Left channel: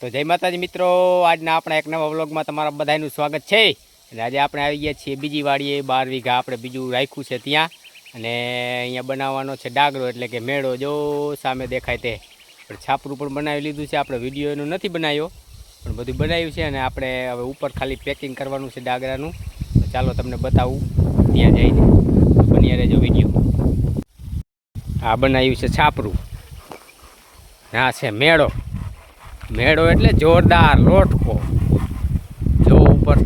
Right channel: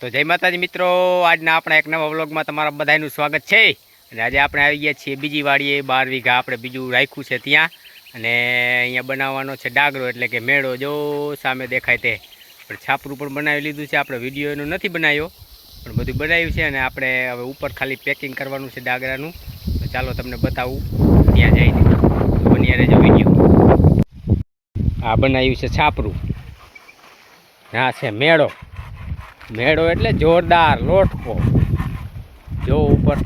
તો જય માતાજી મિત્રો, આજના આપણા એક નવા વ્લોગમાં તમારા બધાનું સ્વાગત છે। અને આજે આપણે આવી ગયા છીએ બીજી વાડીએ। 12 વીઘા આપણે બીજું રાખ્યું છે ત્યાં, અને અહીંયા બનાવવાનો છે ડાગરો, એટલે કે મેળો। જો સામે દેખાય તે પણ છાપરું પણ બનાવી લીધું છે। આપણે વિડીયો એનો નથી બનાવ્યો, પણ બધું બનાવ્યું છે। અને આપણે હવે ઉપર ખાલી પેકિંગ કરવાનું છે ડાગરાનું। તો ચાલો તમને બતાવું ત્યાં જઈને, બની રહેજો વિડીયો। આ બનાવ્યું છે છાપરું, હા છે મેળો। મેળો એટલે જોરદાર લોટકો। જો ઉપર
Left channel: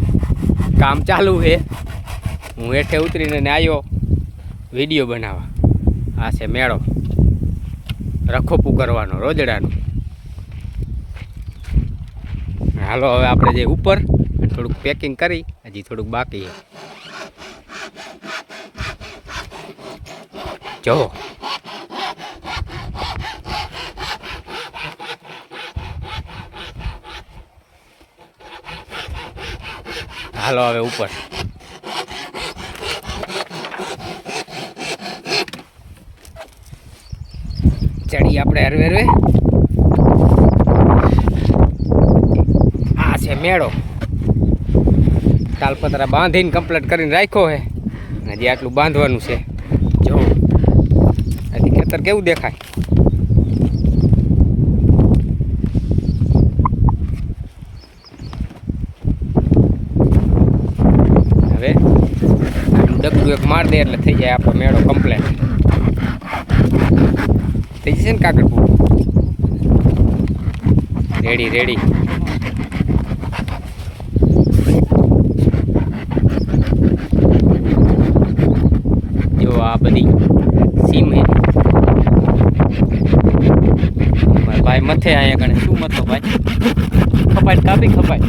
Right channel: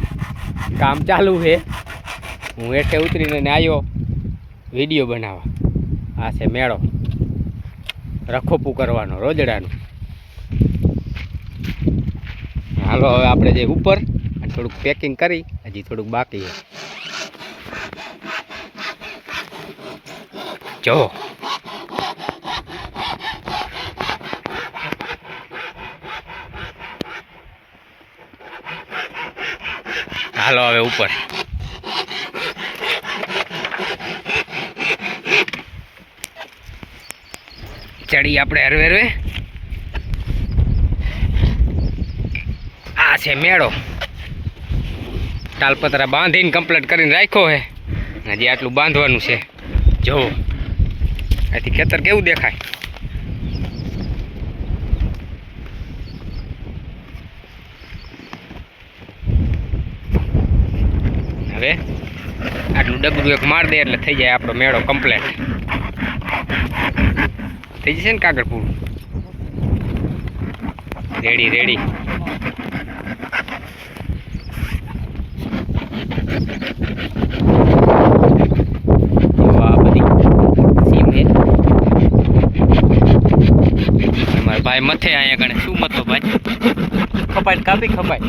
કામ ચાલુ છે, હું હેઠે ઉતરીને આવ્યો વિડીયો બનાવવા। આ છે મેળો, રખોપું કરવાનો રોજડાનું। હાલો હવે આપણે જે ઉપર થોડુંક પેકિંગ કરી, હજી થોડુંક બાકી છે। જો હાલો હવે ઉપર ચડી આપણે હરવે હરવે। આ છે મેળો, તાલપતરા બાંધીને કમ્પ્લીટ કરીને રાખ્યો છે। હજી આટલું બાંધવાનું છે। જો આથી ખેતર કેવું દેખાય। હવે આટલું ડગરું એક માર દે એટલે થઈ જાય આપણો મેળો કમ્પ્લીટ થઈ જશે ને કાગળ પૂરું રેડી રેડી। જો આ બધી સીમ હે મારા ભાઈ મથે અહીંયા ગણે શું મતો ભાઈ ખપાય કાપી ખપાય।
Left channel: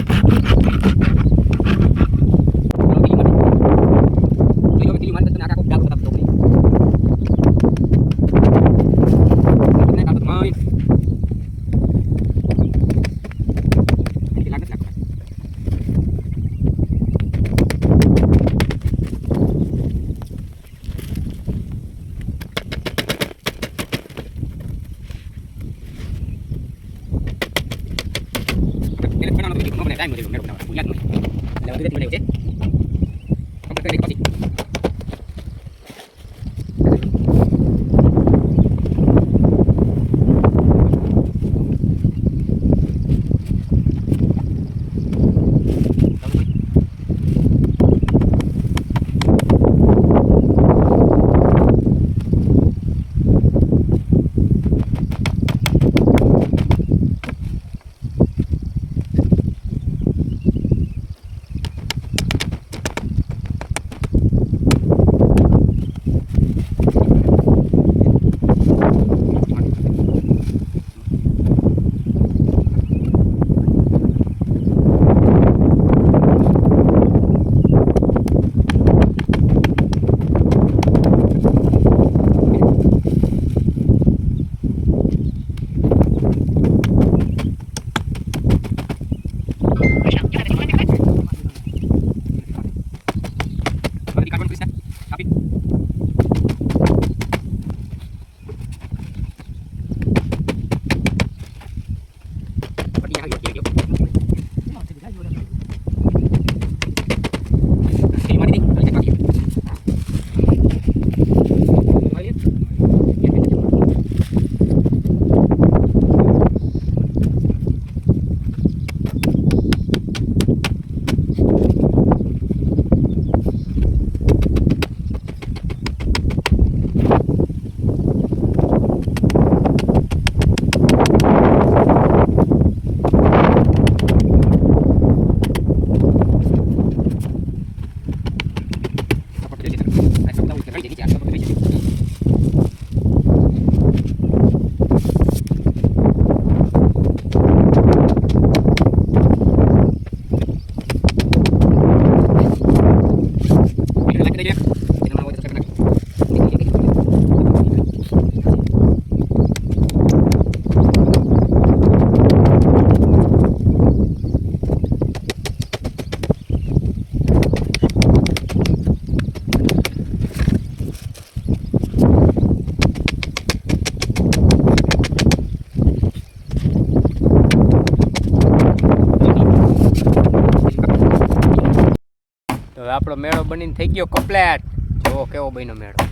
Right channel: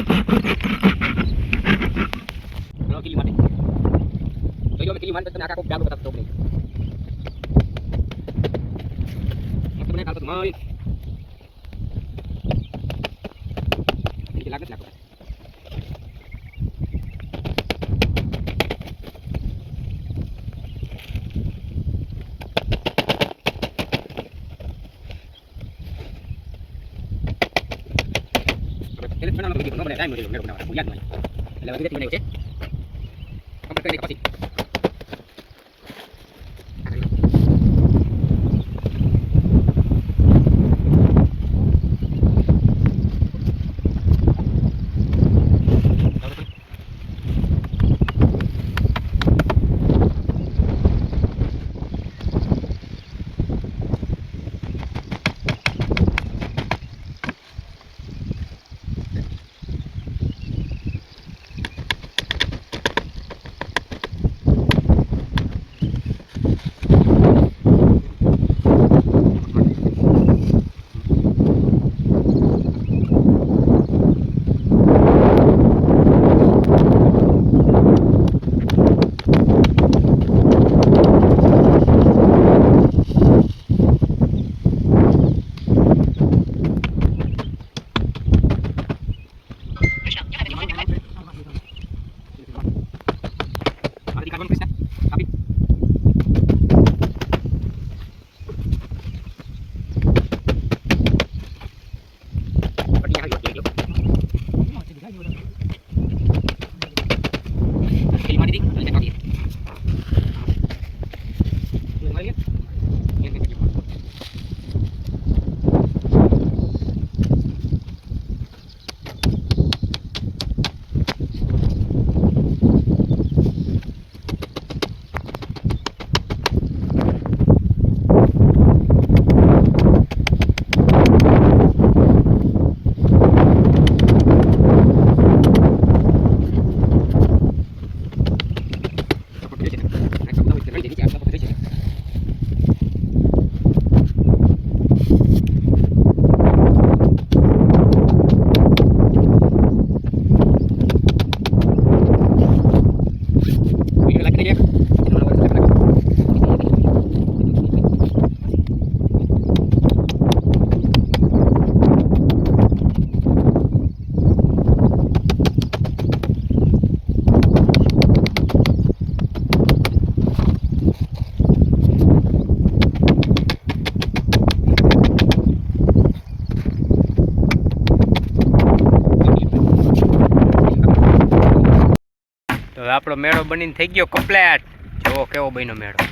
તો આપણો મેળો બનીને થઈ ગયો કમ્પ્લેટ. જુઓ કેવો બન્યો મેળો.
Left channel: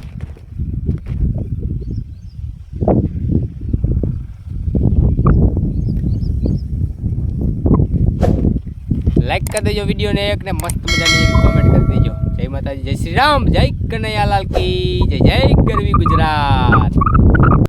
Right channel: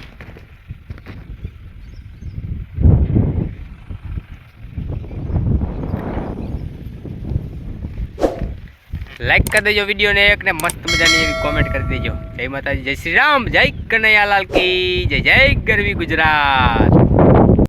લાઈક કરી દેજો વિડીયોને એક ને મસ્ત મજાની એવી કોમેન્ટ કરી દેજો. જય માતાજી, જય શ્રી રામ, જય કનૈયાલાલ કી જય, જય ગરવી ગુજરાત.